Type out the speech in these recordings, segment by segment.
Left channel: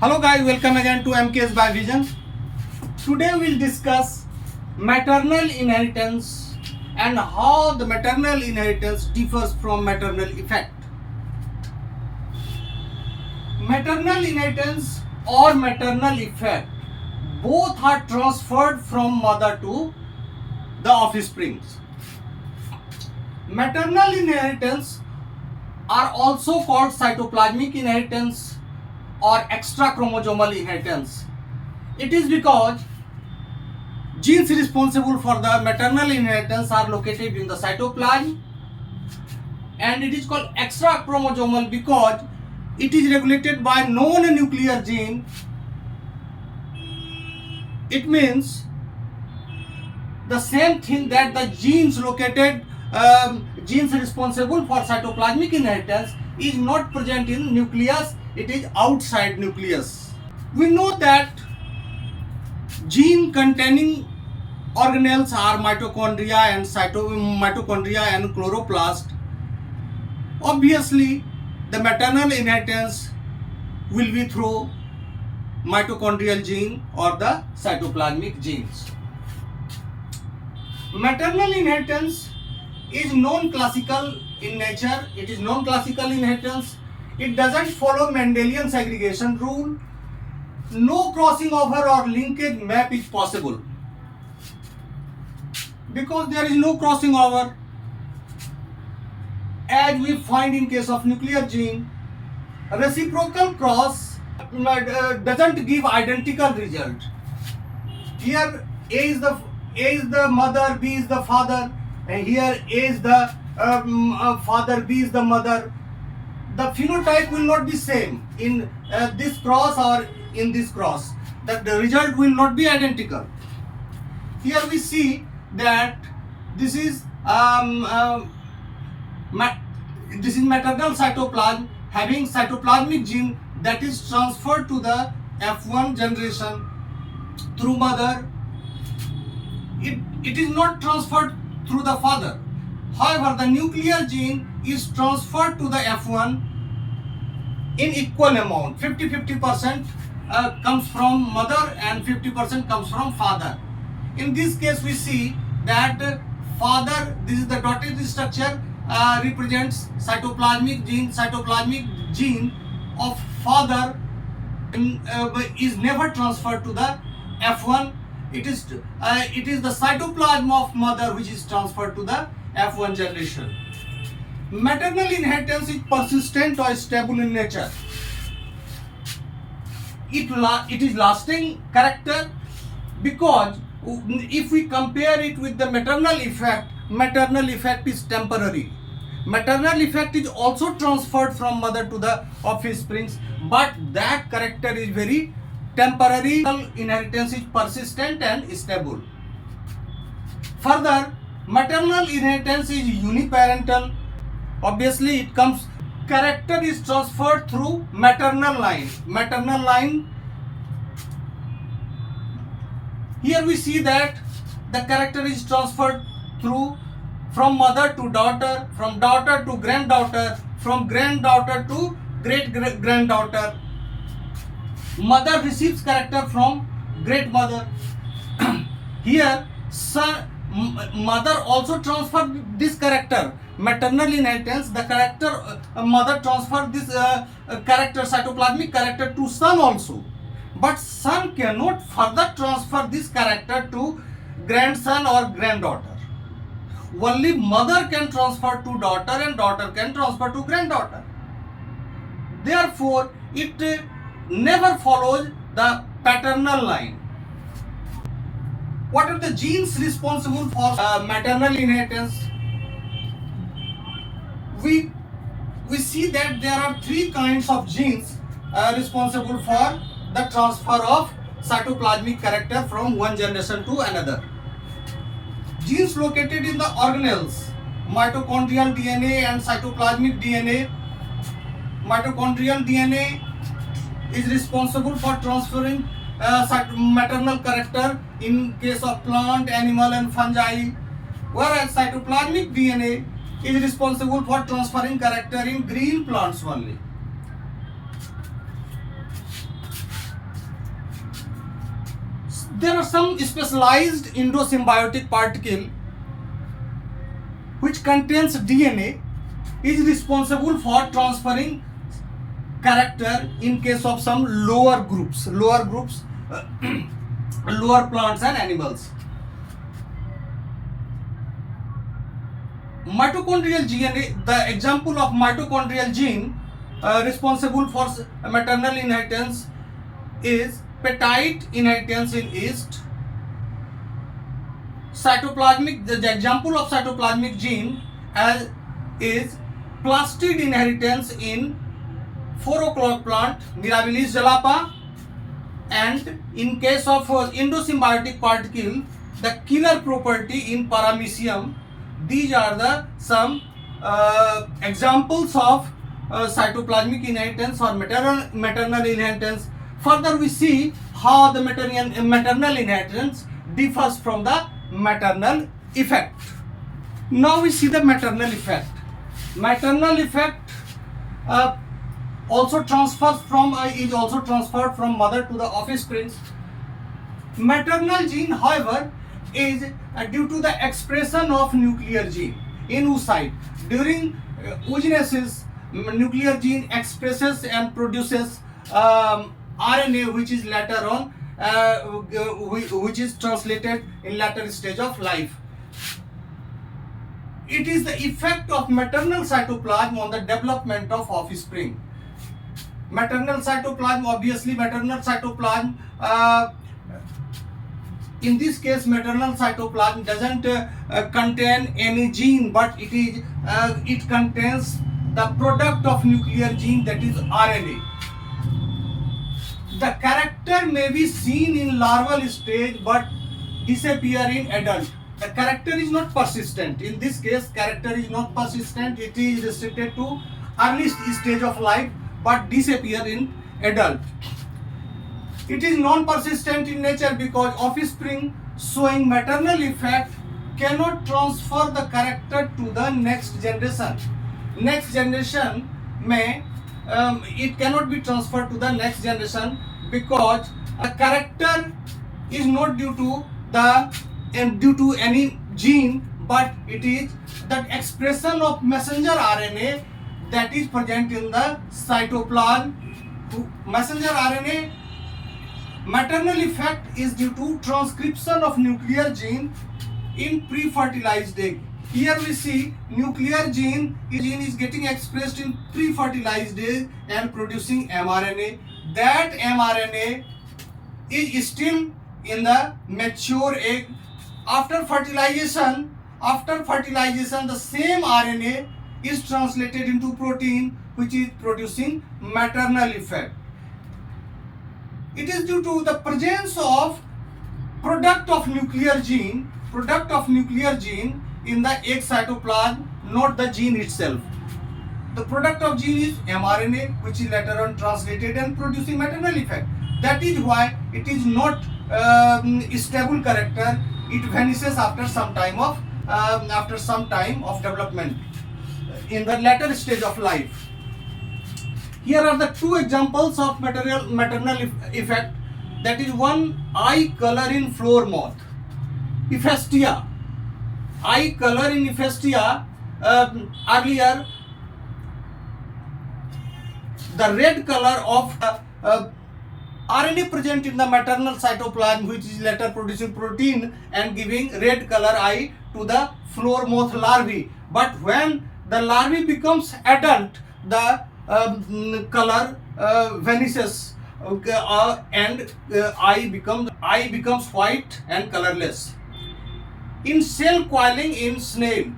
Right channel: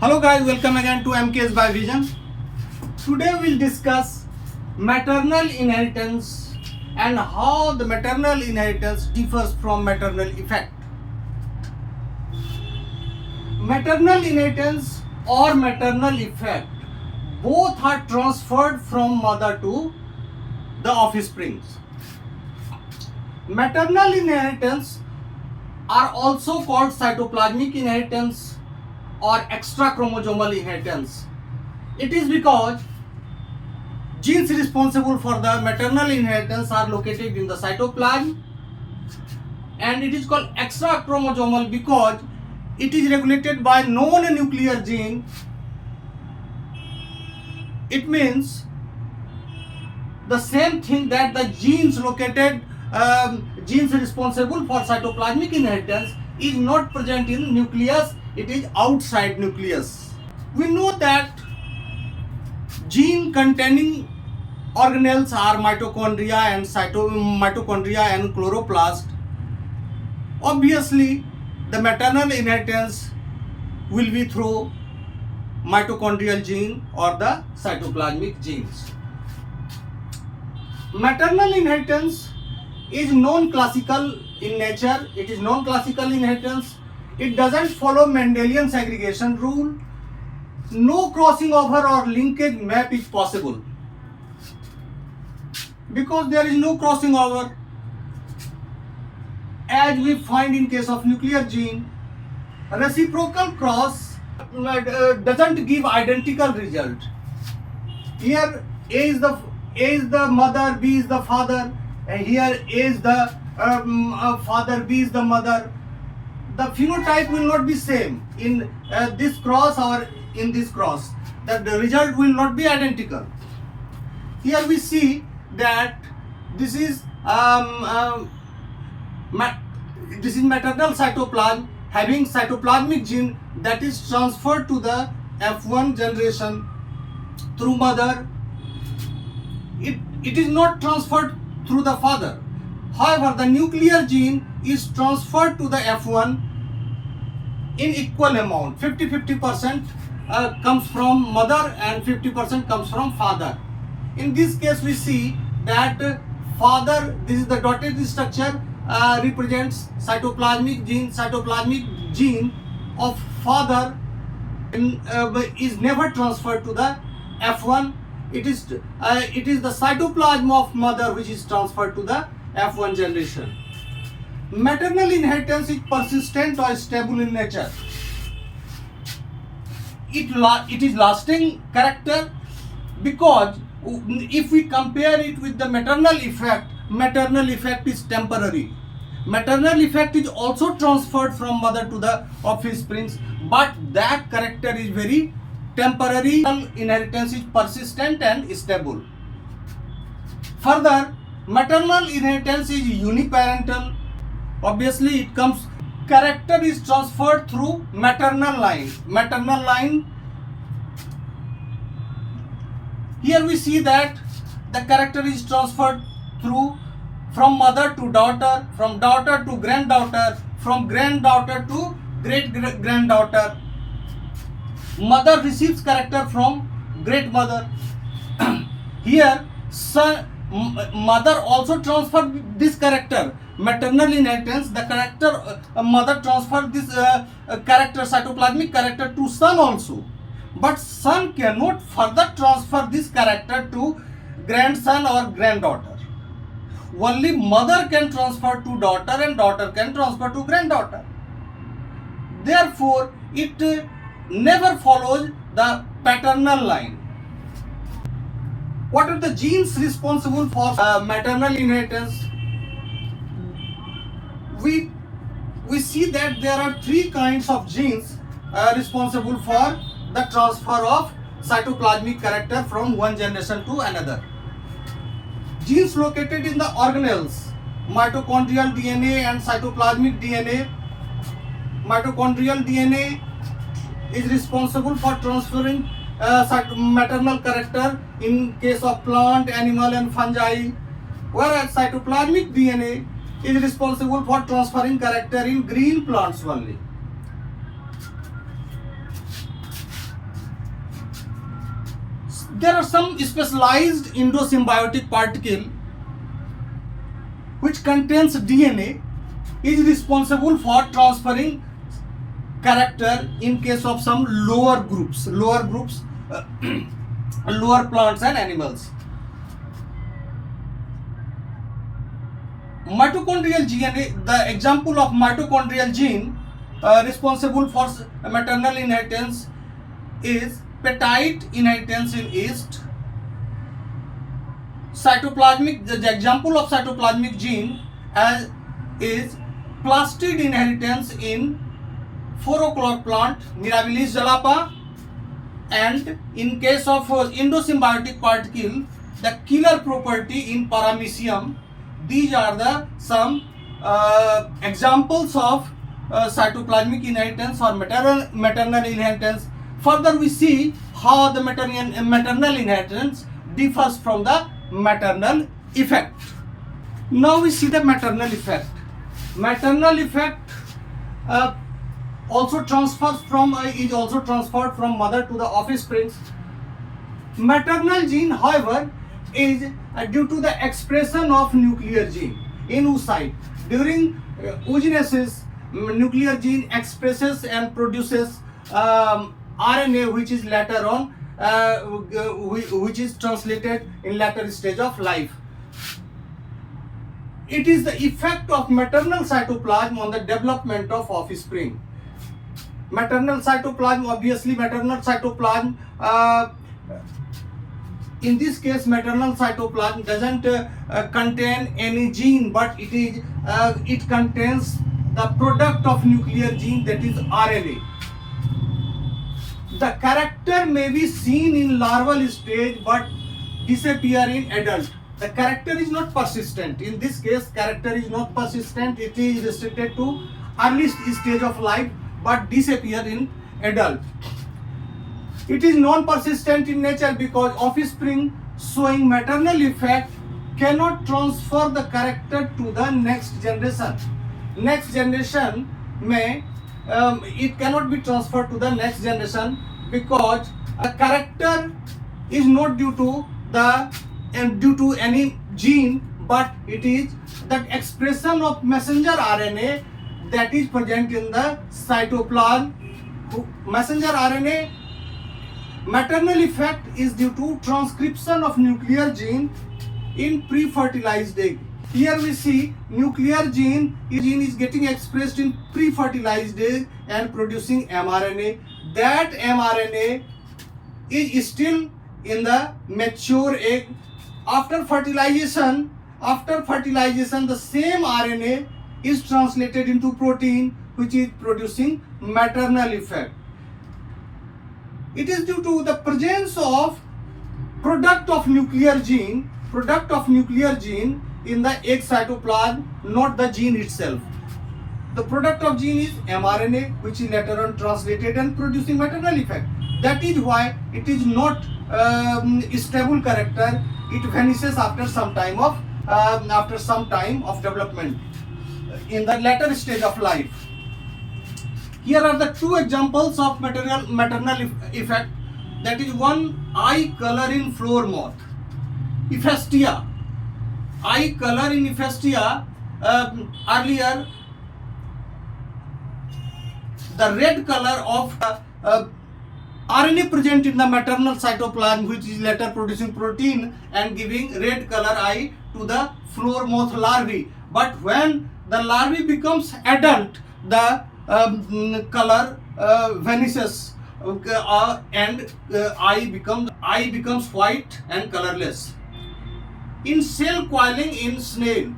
Hello guys, welcome again to MKS by Vision. Today we'll discuss maternal inheritance and how the maternal inheritance differs from maternal effect. Maternal inheritance or maternal effect both are transferred from mother to the offsprings. Maternal inheritance are also called cytoplasmic inheritance or extra chromosomal inheritance. It is because genes responsible for the maternal inheritance are located in the cytoplasm, and it is called extra chromosomal because it is regulated by non-nuclear gene. It means the same thing that the genes genes responsible for cytoplasmic inheritance is not present in nucleus, it is outside nucleus. We know that gene containing organelles are mitochondria and chloroplast. Obviously, the maternal inheritance will be through mitochondrial gene or the cytoplasmic genes. Maternal inheritance is non-classical in nature. It is non-classical inheritance. It doesn't follow Mendelian segregation rule. No crossing over or linkage map is possible. Because there is no crossing over, as we find in case of nuclear gene, reciprocal cross doesn't give identical result. Here A is the mother, B is the father, and here A is the father, B is the mother. The phenotype will not be same in this cross or in this cross. The result will not be identical. Here we see that this is maternal cytoplasm having cytoplasmic gene that is transferred to the F1 generation through mother. It is not transferred through the father. However, the nuclear gene is transferred to the F1 in equal amount. 50% comes from mother and 50% comes from father. In this case, we see that father, this is the dotted structure, represents cytoplasmic gene of father is never transferred to the F1. It is the cytoplasm of mother which is transferred to the F1 generation. Maternal inheritance is persistent or stable in nature. It is lasting character because if we compare it with the maternal effect is temporary. Maternal effect is also transferred from mother to the offsprings, but that character is very temporary. Inheritance is persistent and stable. Further, maternal inheritance is uniparental. Obviously, it comes. Character is transferred through maternal line. Here we see that the character is transferred from mother to daughter, from daughter to granddaughter, from granddaughter to great granddaughter. Mother receives character from great mother. Here, mother also transferred this character. Maternal inheritance, the character mother transferred this character, cytoplasmic character, to son also. But son cannot further transfer this character to grandson or granddaughter. Only mother can transfer to daughter and daughter can transfer to granddaughter. Therefore, it never follows the paternal line. What are the genes responsible for maternal inheritance? We see that there are three kinds of genes responsible for the transfer of cytoplasmic character from one generation to another. Genes located in the organelles, mitochondrial DNA and cytoplasmic DNA. Mitochondrial DNA is responsible for transferring maternal character in case of plant, animal and fungi, whereas cytoplasmic DNA is responsible for transferring character in green plants only. There are some specialized endosymbiotic particle which contains DNA is responsible for transferring character in case of some lower groups, lower plants and animals. Mitochondrial DNA, the example of mitochondrial gene responsible for maternal inheritance is peptide inheritance in yeast. Cytoplasmic, the example of cytoplasmic gene is plastid inheritance in 4 o'clock plant, Mirabilis jalapa, and in case of endosymbiotic particle, the killer property in Paramecium. These are the some examples of cytoplasmic inheritance or maternal inheritance. Further, we see how the maternal inheritance differs from the maternal effect. Now we see the maternal effect. Maternal effect also transfers from is also transferred from mother to the offspring. Maternal gene, however, is due to the expression of nuclear gene in oocyte. During oogenesis, nuclear gene expresses and produces RNA, which is later on which is translated in later stage of life. It is the effect of maternal cytoplasm on the development of offspring. Maternal cytoplasm, obviously maternal cytoplasm, in this case maternal cytoplasm doesn't contain any gene, but it contains the product of nuclear gene, that is RNA. The character may be seen in larval stage but disappear in adult. The character is not persistent. In this case, character is not persistent. It is restricted to early stage of life but disappear in adult. It is non-persistent in nature because offspring showing maternal effect cannot transfer the character to the next generation. Next generation may it cannot be transferred to the next generation because the character is not due to any gene, but it is the expression of messenger RNA that is present in the cytoplasm. Messenger RNA maternal effect is due to transcription of nuclear gene in pre-fertilized egg. Here we see nuclear gene is getting expressed in pre-fertilized egg and producing mRNA. That mRNA is still in the mature egg. After fertilization, the same RNA is translated into protein, which is producing maternal effect. It is due to the presence of product of nuclear gene in the egg cytoplasm, not the gene itself. The product of gene is mRNA, which is later on translated and producing maternal effect. That is why it is not stable character. It vanishes after some time of development in the later stage of life. Here are the two examples of maternal effect. That is one, eye color in flower moth, Ephestia. Eye color in Ephestia, earlier the red color of RNA present in the maternal cytoplasm, which is later producing protein and giving red color eye to the flower moth larvae. But when the larvae becomes adult, the color vanishes and eye becomes white and colorless. In cell coiling in snail,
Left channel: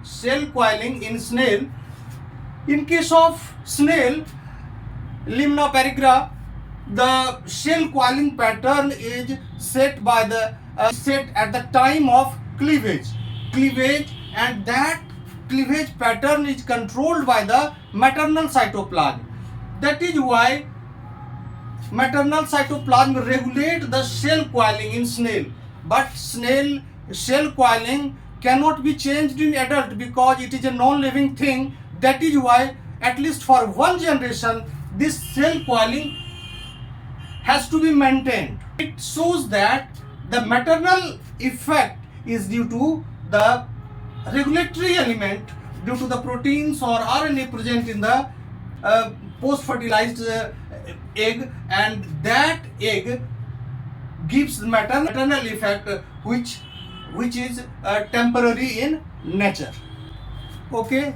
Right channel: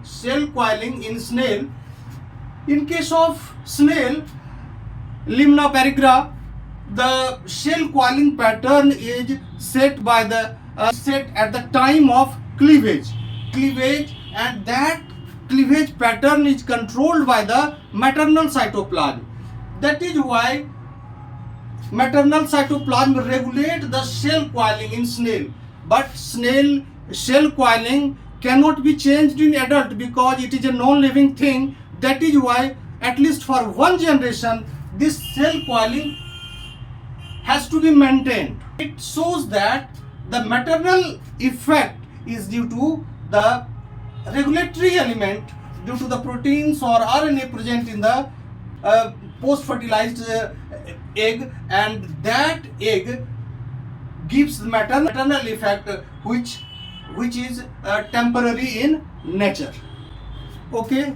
in case of snail, Limna perigra, the cell coiling pattern is set at the time of cleavage, and that cleavage pattern is controlled by the maternal cytoplasm. That is why maternal cytoplasm regulate the cell coiling in snail, but snail cell coiling cannot be changed in adult because it is a non-living thing. That is why at least for one generation this cell coiling has to be maintained. It shows that The maternal effect is due to the regulatory element, due to the proteins or RNA present in the post-fertilized egg, and that egg gives maternal effect which is temporary in nature. Okay.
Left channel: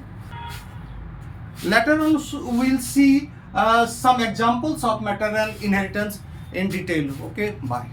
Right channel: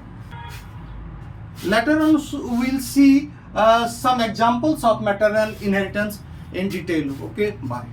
Later on we'll see some examples of maternal inheritance in detail. Okay, bye.